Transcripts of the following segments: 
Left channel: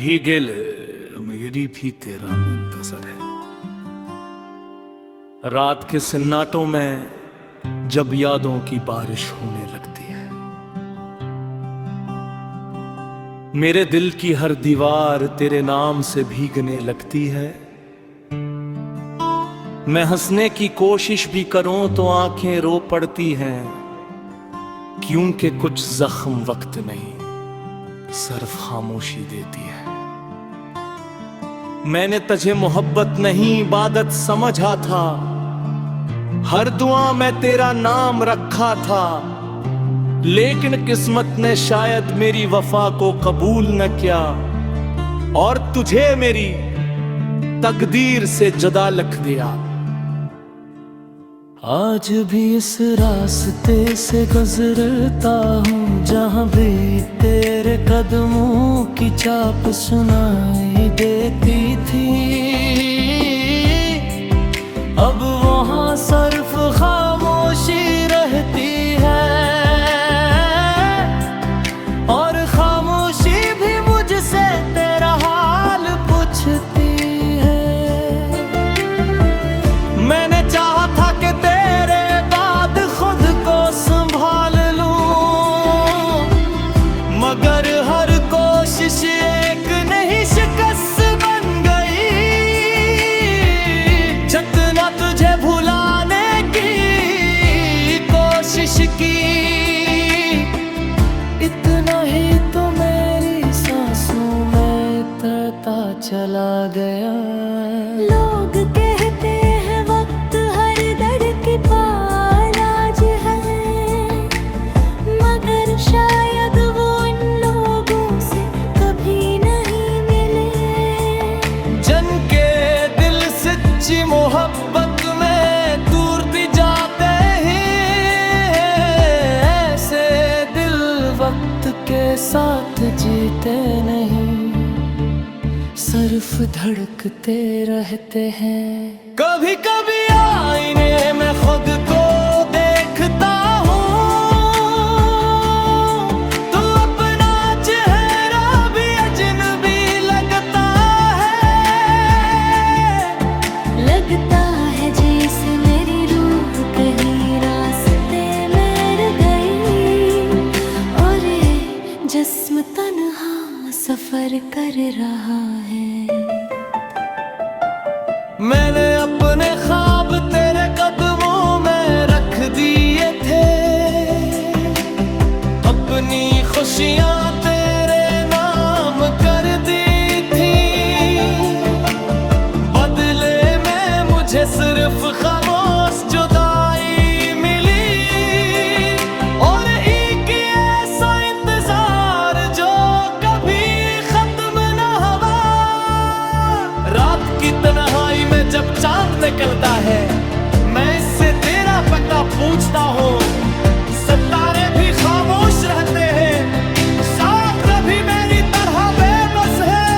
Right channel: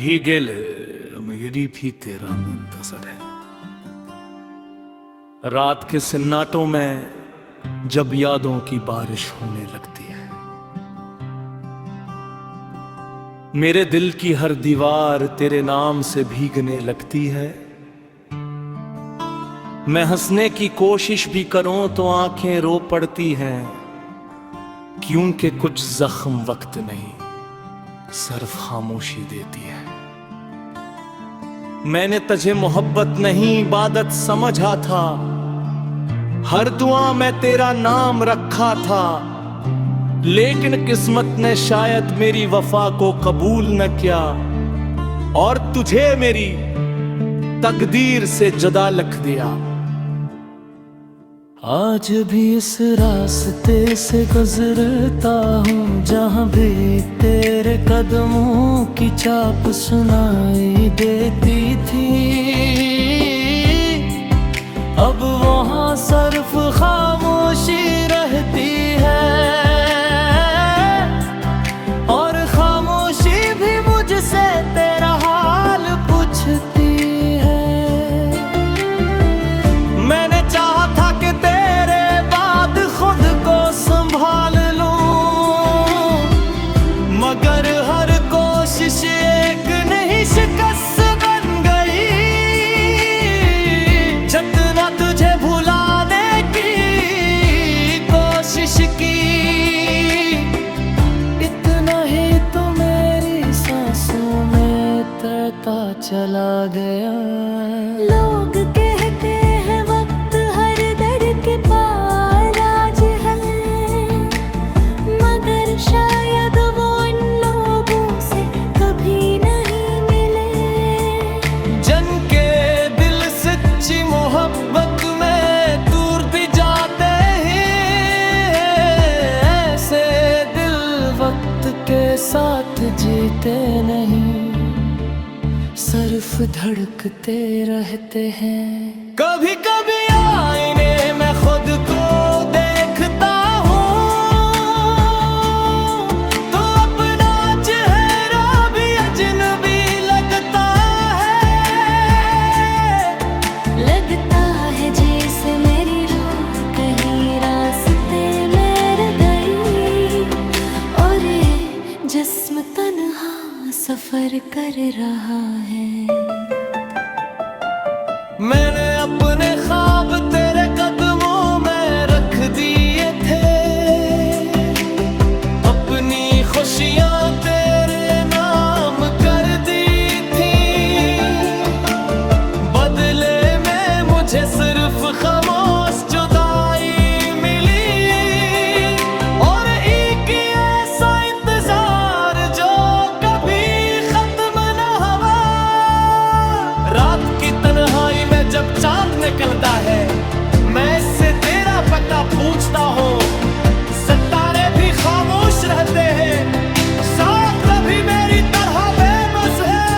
मेरी भी तेरा मुंतजर है। रात के सन्नाटों में जब यादों की बारिश होने लगती है, मेरे दिल की हर दीवार तेरे नाम से भीगने लगती है। मैं हंसने की कोशिश भी करूं तो आंखें रो पड़ती हैं, क्योंकि कुछ जख्म वक्त नहीं सिर्फ खामोशी देती है। मैंने तुझे मोहब्बत नहीं इबादत समझा था, हर दुआ में तेरा नाम रखा था, लेकिन किस्मत ने शायद मेरी वफा को कबूल न किया और तुझे मेरी तकदीर से जुदा लिख दिया। आज भी इस रास्ते से गुजरता हूँ जहाँ भी तेरे कदमों की चाप सुनाई देती थी। अब वहाँ सिर्फ खामोशी रहती है और खामोशी भी मुझसे तेरा हाल पूछती है। मैंने चाहा था कि तेरे बाद खुद को संभाल लूं, मगर हर कोशिश एक नहीं शिकस्त बन गई। जितना तुझे भुलाने की कोशिश की, इतना ही तो मेरी सांसों में उतरता चला गया। लोग कहते हैं वक्त हर दर्द के पालाज है, मगर शायद वो इन लोगों से कभी नहीं मिले। जन के दिल सच्ची मोहब्बत में दूर भी जाते हैं, ऐसे दिल वक्त के साथ जीते नहीं, सिर्फ धड़कते रहते हैं। कभी कभी आईने में खुद को देखता हूँ तो अपना चेहरा भी अजनबी लगता है। लगता है जैसे मेरी रूह कहीं रास्ते में रह गई और ये जिस्म तन्हा सफर कर रहा है। मैंने अपने ख्वाब तेरे कदमों में रख दिए थे, अपनी खुशियां तेरे नाम कर दी थी। बदले में मुझे सिर्फ खामोश जुदाई मिली और एक ऐसा इंतजार जो कभी खत्म न हुआ। रात की तन्हाई में जब चांद निकलता है, मैं इससे तेरा पता पूछता हूँ। सितारे भी खामोश रहते हैं, साथ भी मेरी तरह बेबस है।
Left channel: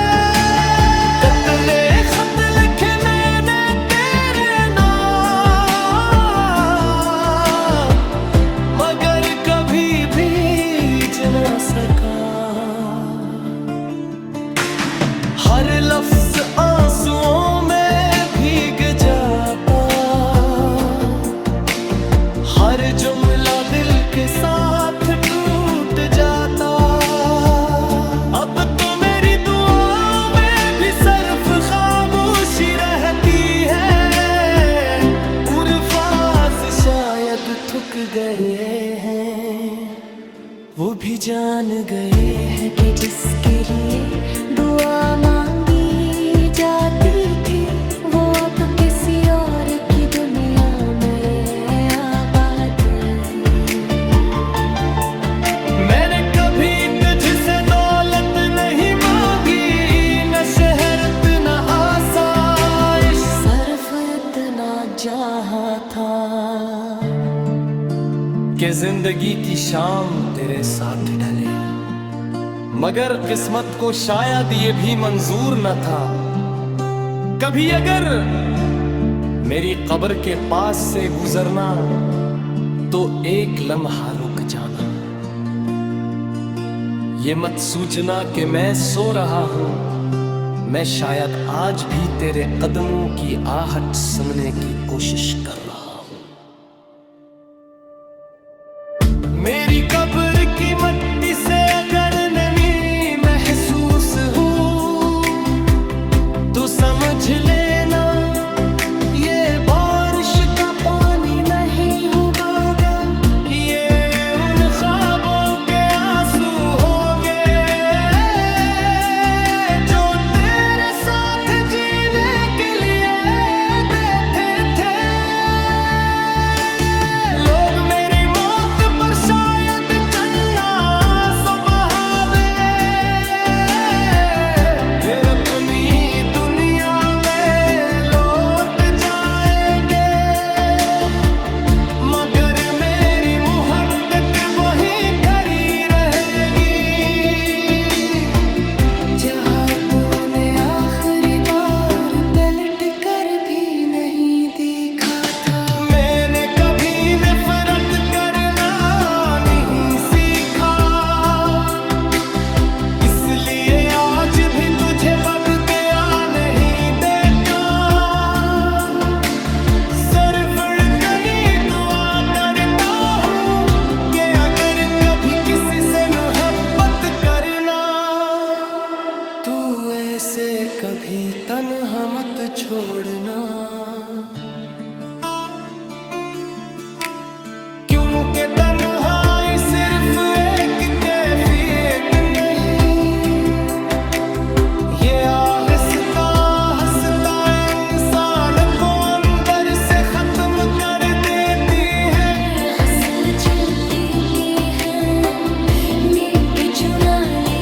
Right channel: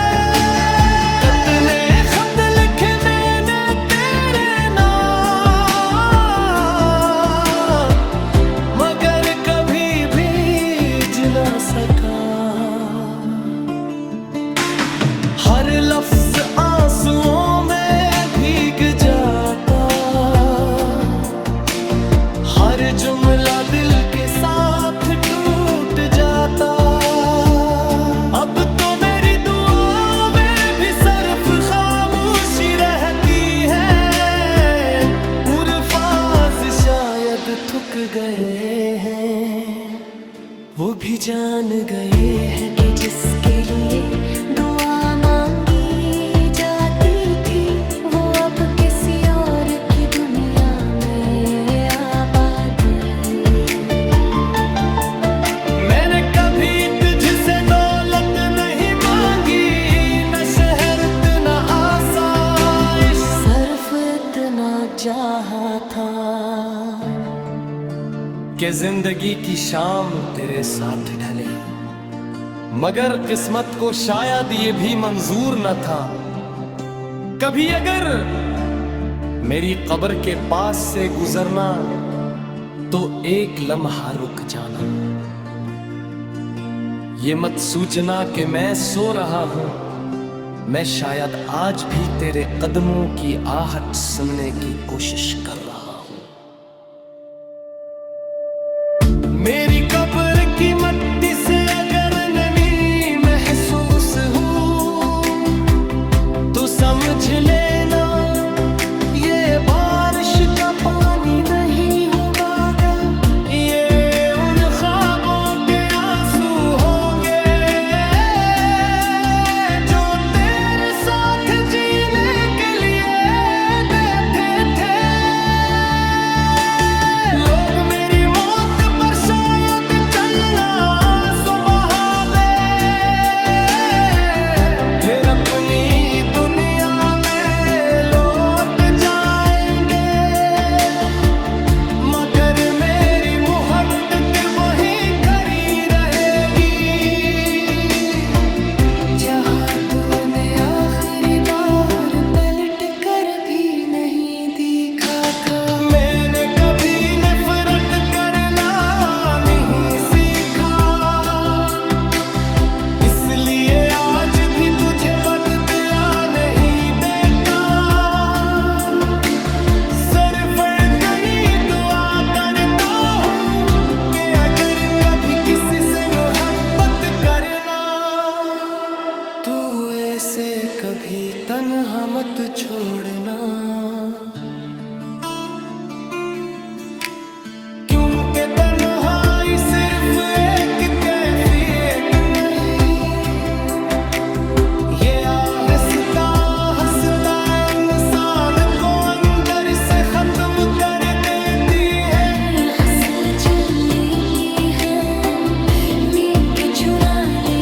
कितने खत लिखे मैंने तेरे नाम, मगर कभी भीज न सका। हर लफ्ज आंसुओं में भीग जाता, हर जुमला दिल के साथ टूट जाता। अब तो मेरी दुआओं में भी सिर्फ खामोशी रहती है। उर्फाज शायद थक गए हैं, वो भी जान गए हैं कि जिसके लिए दुआ मांगी जाती थी, वो अब किसी और की दुनिया में आबाद। मैंने कभी तुझसे दौलत नहीं मांगी, न शहरत न आसाइश, सिर्फ इतना चाहा था कि जिंदगी की शाम तेरे साथ ढले। मगर किस्मत को शायद ये भी मंजूर न था, कभी अगर मेरी कब्र के पास से गुजरना तो एक लम्हा रुक जाना। ये मत सोचना कि मैं सो रहा हूं, मैं शायद आज भी तेरे कदमों की आहट सुनने की कोशिश कर रहा हूं। मेरी कब्र की मट्टी से अगर नमी महसूस हो तो समझ लेना ये बारिश का पानी नहीं होगा, ये उन ख्वाबों के आंसू होंगे जो तेरे साथ जीने के लिए देते थे। लोग मेरी मौत पर शायद चन्ना आंसू बहावे, फिर अपनी दुनिया में लौट जाएंगे, मगर मेरी मुहब्बत वहीं खड़ी रहेगी जहां तूने आखिरी बार पलट कर भी नहीं देखा था। मैंने कभी नफरत करना नहीं सीखा, इसलिए आज भी तुझे बददिया नहीं देता। सर फड़कनी दुआ करता हूँ कि अगर कभी किसी से मोहब्बत करना तू ऐसे कभी तन्हा मत छोड़ना, क्योंकि तन्हाई सिर्फ एक कैफियत नहीं, ये आहिस्ता हंसता इंसान को अंदर से खत्म कर देती है। ये हंस चलने की है, नींद तो चुरा ले